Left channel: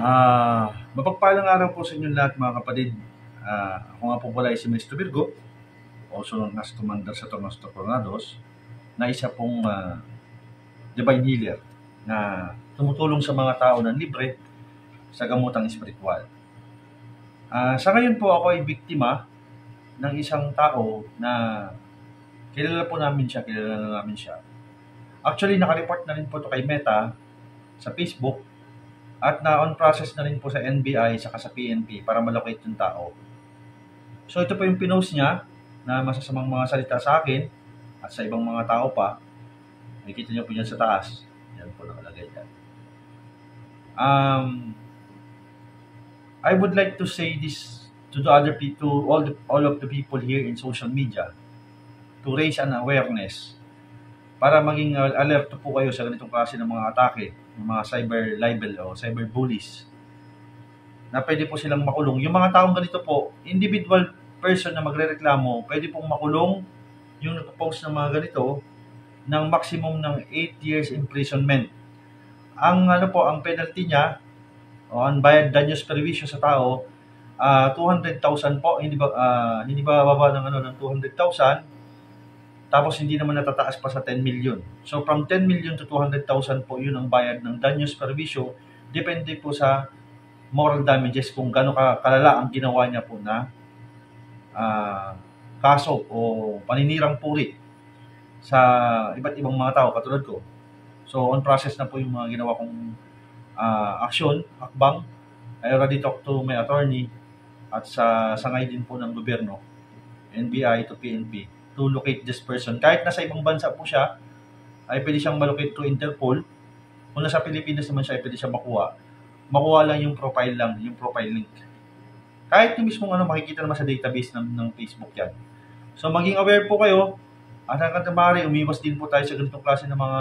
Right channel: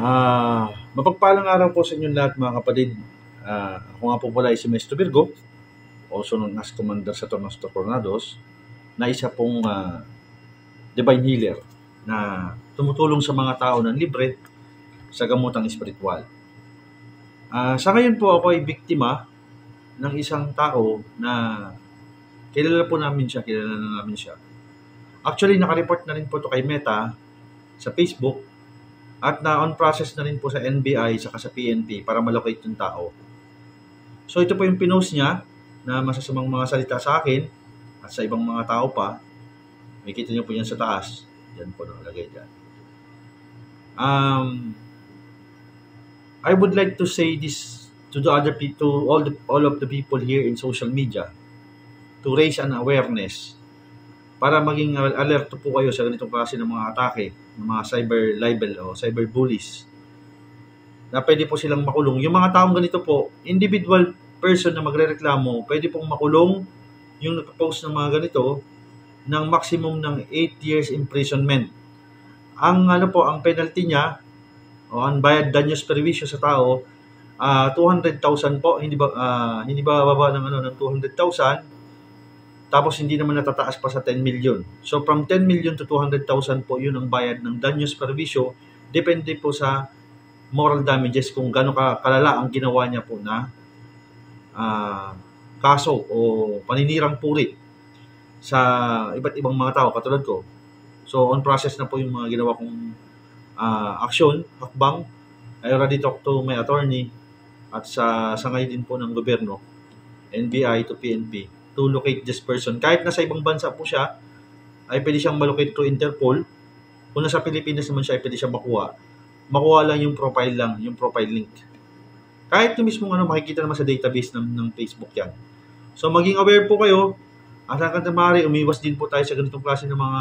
Mapagpalang araw po sa inyong lahat mga kapatid. Ako nga po pala ay si Maestro Virgo, also known as Commander Saturnos Tornados, na isa pong divine healer na tumutulong sa mga tao ng libre sa gamutang espiritual. Sa ngayon po ako ay biktima ng isang tao na kilala na namin siya. Actually, nakareport na rin po ito kay Meta sa Facebook at na-on process na rin po sa NBI saka sa PNP para malocate yung tao. So ito po yung pinost niya na masasamang mga salita sa akin at sa ibang mga tao pa. Makikita niyo po yan sa taas. Yan po nakalagay dyan. I would like to say this to the other people, all of the people here in social media, to raise an awareness para maging alerto po kayo sa ganitong klase ng mga atake, ng mga cyber libel o cyber bullies na pwede po silang makulong. Yung mga taong ganito po, individual person na magrereklamo, pwede pong makulong yung nagpo-post ng mga ganito ng maximum ng 8 years imprisonment. Ang ang penalty niya o ang bayad danyos perwisyo sa tao, 200,000 po, hindi ba bababa ng 200,000. Tapos hindi naman natataas pa sa 10 million. So from 10 million to 200,000 po yun ang bayad ng danyos perwisyo. Depende po sa moral damages kung gaano kalala ang ginawa niya po na kaso o paninirang puri sa iba't ibang mga tao katulad ko. So on process na po yung mga ginawa kong aksyon, hakbang. I already talked to my attorney at sa sangay din po ng gobyerno, NBI to PNP, to locate this person. Kahit nasa ibang bansa po siya, ay pwede siyang malocate to Interpol. Kung nasa Pilipinas naman siya, ay pwede siyang makuha. Makuha lang yung profile link. Kahit yung mismong makikita naman sa database ng Facebook yan. So maging aware po kayo, at hanggang maaari, umiwas din po tayo sa ganitong klase ng mga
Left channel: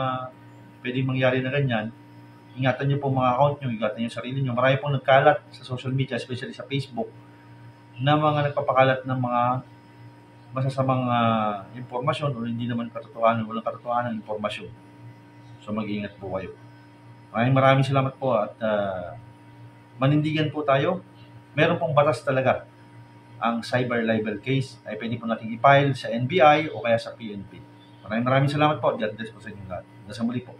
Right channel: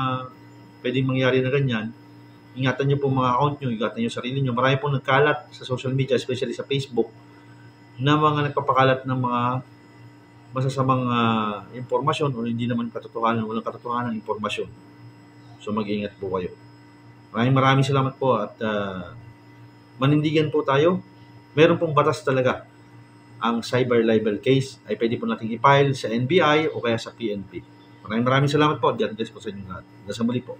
pwedeng mangyari na ganyan. Ingatan niyo po mga account niyo, ingatan niyo sarili niyo. Marami pong nagkalat sa social media, especially sa Facebook, na mga nagpapakalat ng mga masasamang impormasyon o hindi naman walang katotohanan ng impormasyon. So mag-iingat po kayo. Maraming salamat po at manindigan po tayo. Meron pong batas talaga. Ang cyber libel case ay pwede po nating i-file sa NBI o kaya sa PNP. Maraming salamat po. God bless po sa inyo lahat. Hanggang sa muli po.